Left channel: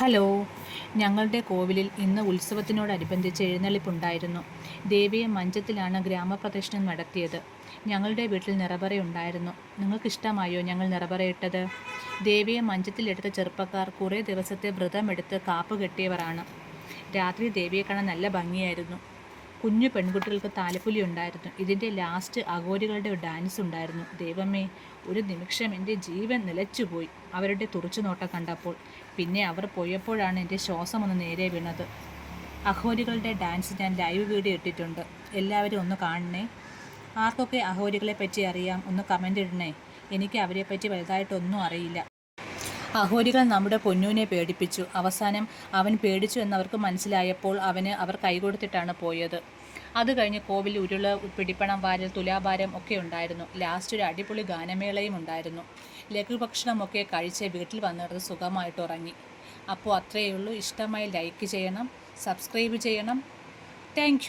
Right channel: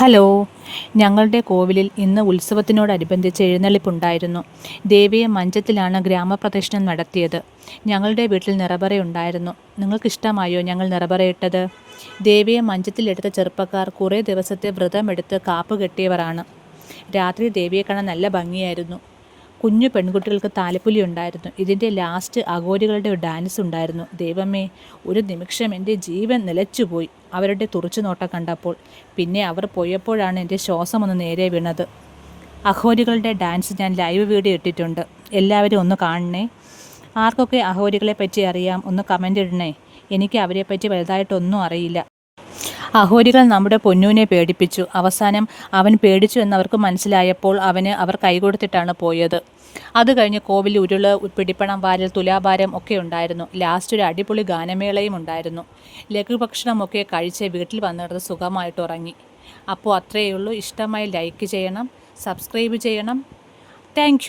Hello, ഞങ്ങളുടെ കോവിലിൽ ഇന്ന് ഉത്സവത്തിനോടനുബന്ധിച്ച് എഴുന്നള്ളിപ്പുണ്ടായിരുന്നു. ദേവിയെ മഞ്ചത്തിലാണ് ഗ്രാമപ്രദക്ഷിണം നടത്തിയത്. ഞങ്ങളുടെ വീട്ടിൽ നിറപറയുണ്ടായിരുന്നു. നിങ്ങൾക്കിഷ്ടമായോ ഞങ്ങൾ നിറപറയിട്ടത്? ദേവിയെ മഞ്ചത്തിലെടുത്ത ചെറുപ്പക്കാർ കുറേ ദിവസത്തെ വ്രതമെടുത്ത് കാപ്പ് കെട്ടിയവരാണ്. രാത്രി ദേവിയെ കാണാൻ നല്ല ഭംഗിയായിരുന്നു. കുഞ്ഞു പെൺകുട്ടികൾക്ക് താലപ്പൊലി ഉണ്ടായിരുന്നു. ഇതിൻ്റെ ലാസ്റ്റ് അഘോരികളുടെ ഒരു ഡാൻസ് ഉണ്ടായിരുന്നു. ദൈവമേ, ഒരു നിമിഷം എൻ്റെ ജീവൻ നിലച്ചുപോയി അവരുടെ തുറച്ചുനോട്ടം കണ്ടപ്പോൾ. പിന്നെ അവർ പോയപ്പോഴാണ് എൻ്റെ ശ്വാസം ഒന്ന് നേരെ വീണത്. അഘോരികളുടെ ഡാൻസ് ഞാൻ ലൈവ് വീഡിയോ ഇട്ടിട്ടുണ്ട്. എല്ലാവരും ഒന്ന് കാണണേ. ആർക്കൊക്കെ അഘോരികളെ പറ്റി അറിയാം ഒന്ന് കമൻ്റ് ഇടണേ. എനിക്ക് അവരെപ്പറ്റി വലുതായിട്ടൊന്നും അറിയില്ല. അഘോരികൾ നമ്മുടെ പൊന്നൂനെ പേടിപ്പിച്ചു. അവസാനം അവൻ പേടിച്ചു എന്നവർക്ക് മനസ്സിലായപ്പോൾ അവർ കൈകൊടുത്തിട്ടാണ് പോയത്. അത് കഴിഞ്ഞ് കോവിൽ ഉരുള്, പിടിപ്പണം വാരൽ, തുലാഭാരം ഒക്കെ ഉണ്ടായിരുന്നു. ലാസ്റ്റ് ഒരു അടിപൊളി ഗാനമേളയും ഉണ്ടായിരുന്നു. ലഘുഭക്ഷണമൊക്കെ കഴിച്ച് വീട്ടിൽ വന്നിടത്ത് സുഖമായിട്ട് ഉറങ്ങി. അപ്പോൾ അത്രയേ ഉള്ളൂ. ഇഷ്ടമായി ലൈക്ക് ചെയ്യണം, സബ്സ്ക്രൈബ് ചെയ്യണം. താങ്ക്